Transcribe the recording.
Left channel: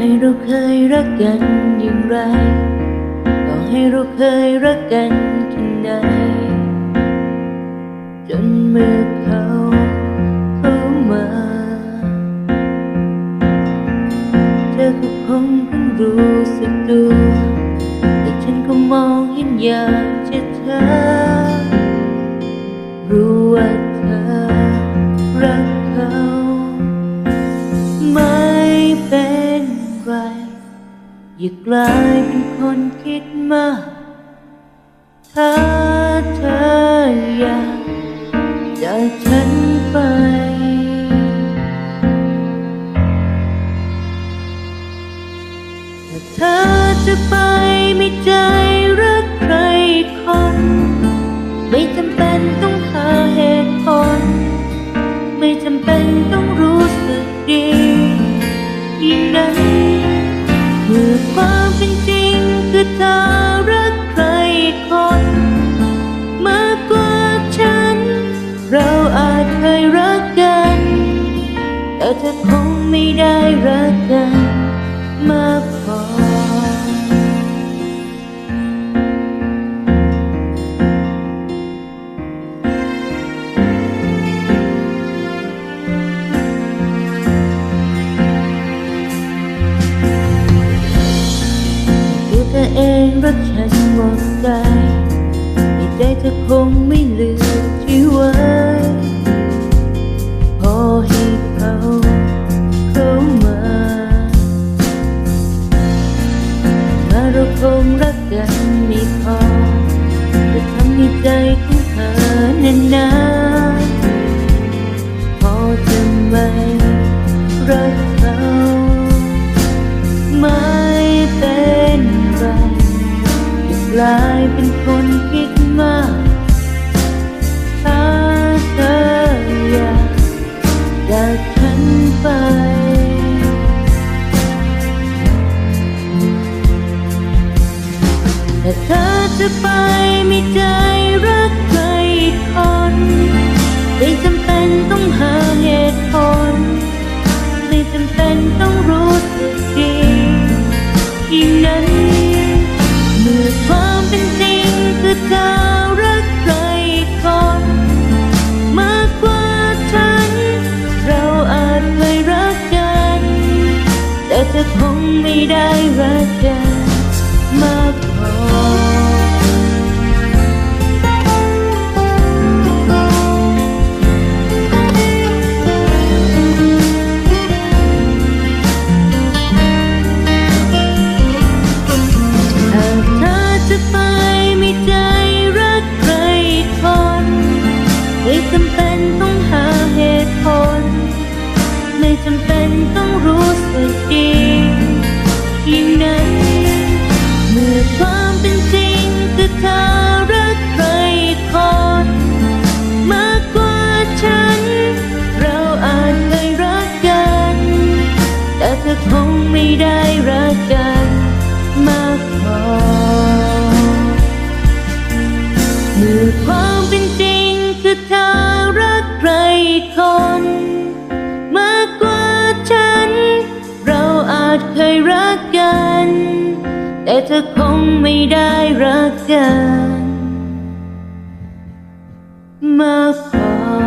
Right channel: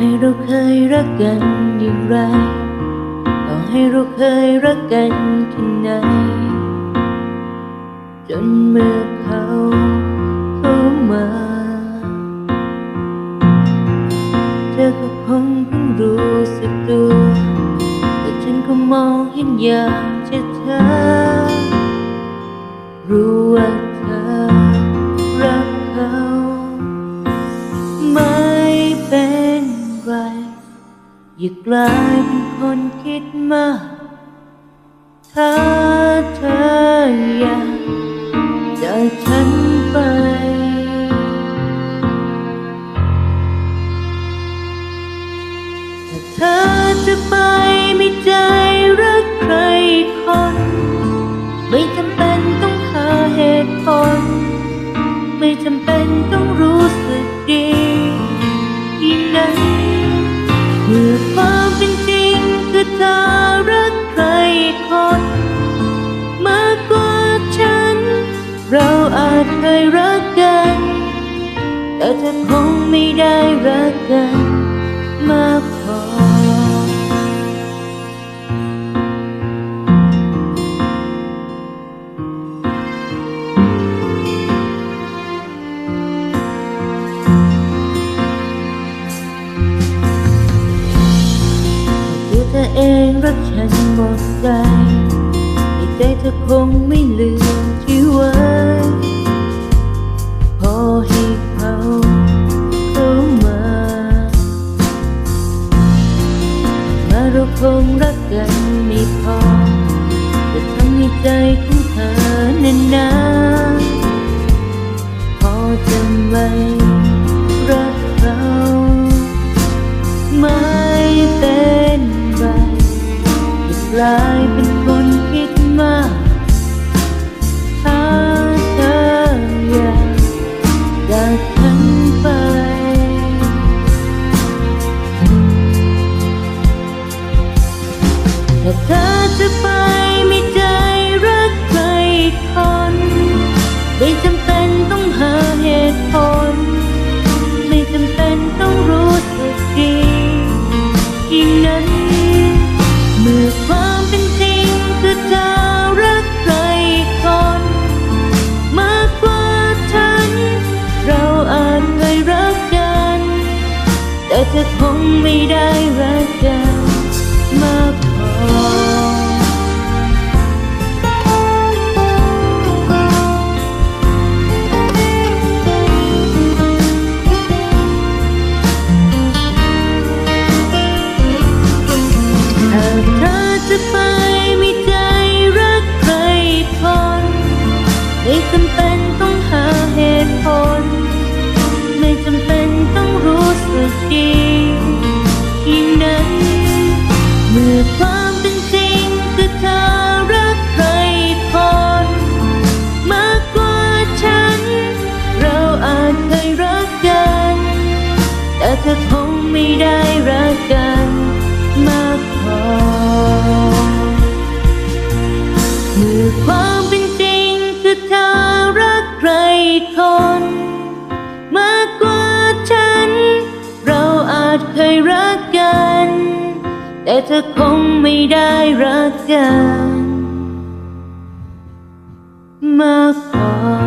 ให้เราเคยรักกันอย่างไร ต่อให้เราเคยรักกันแค่ไหน จนเมื่อเขาเข้ามา เธอก็คงเพิ่งรู้สึกตัว แต่ฉันก็มองเห็นอย่างชัดเจนรู้ว่าเธอรักเขา ไม่เป็น อย่ากลายเป็นคนคิดมาก ถ้าเธออยากจากฉันไป ถ้าเธอจะไปไม่ใจรักใครคน ไม่จำเป็นต้องหาเหตุผล ไม่จำเป็นต้องรู้สึกดียิ่งนั้น เมื่อความเป็นจริงคือเธอรักใครคนมากกว่าฉัน เราอาจเคยรักกัน แต่เธอคงไม่ได้รักกันมากพอ เธอเองรักฉันหมดใจในใจเธอคงไม่ลืมที่ไว้พอให้เขาเข้ามา มาเราคงรักกันไม่พอจะทำให้ใจของเธอนั้นนาพอจะไม่รักเขาไม่เป็น กลายเป็นคนคิดมากถ้าเธออยากจากฉันไปถ้าเธอจะไปไม่ใจรักใครคนไม่จำเป็นต้องหาเหตุผล ธอคงไม่ได้รักกันมากพอ ต้องรู้สึกดียิ่งนั้น เมื่อความเป็นจริงคือเธอรักใครคนมากกว่าฉัน เราอาจเคยรักกัน แต่เธอคงไม่ได้รักกันมากพอ เมื่อความเป็นจริงคือเธอรักใครคน จเคยรักกัน แต่เธอคงไม่ได้รักกัน มากพอ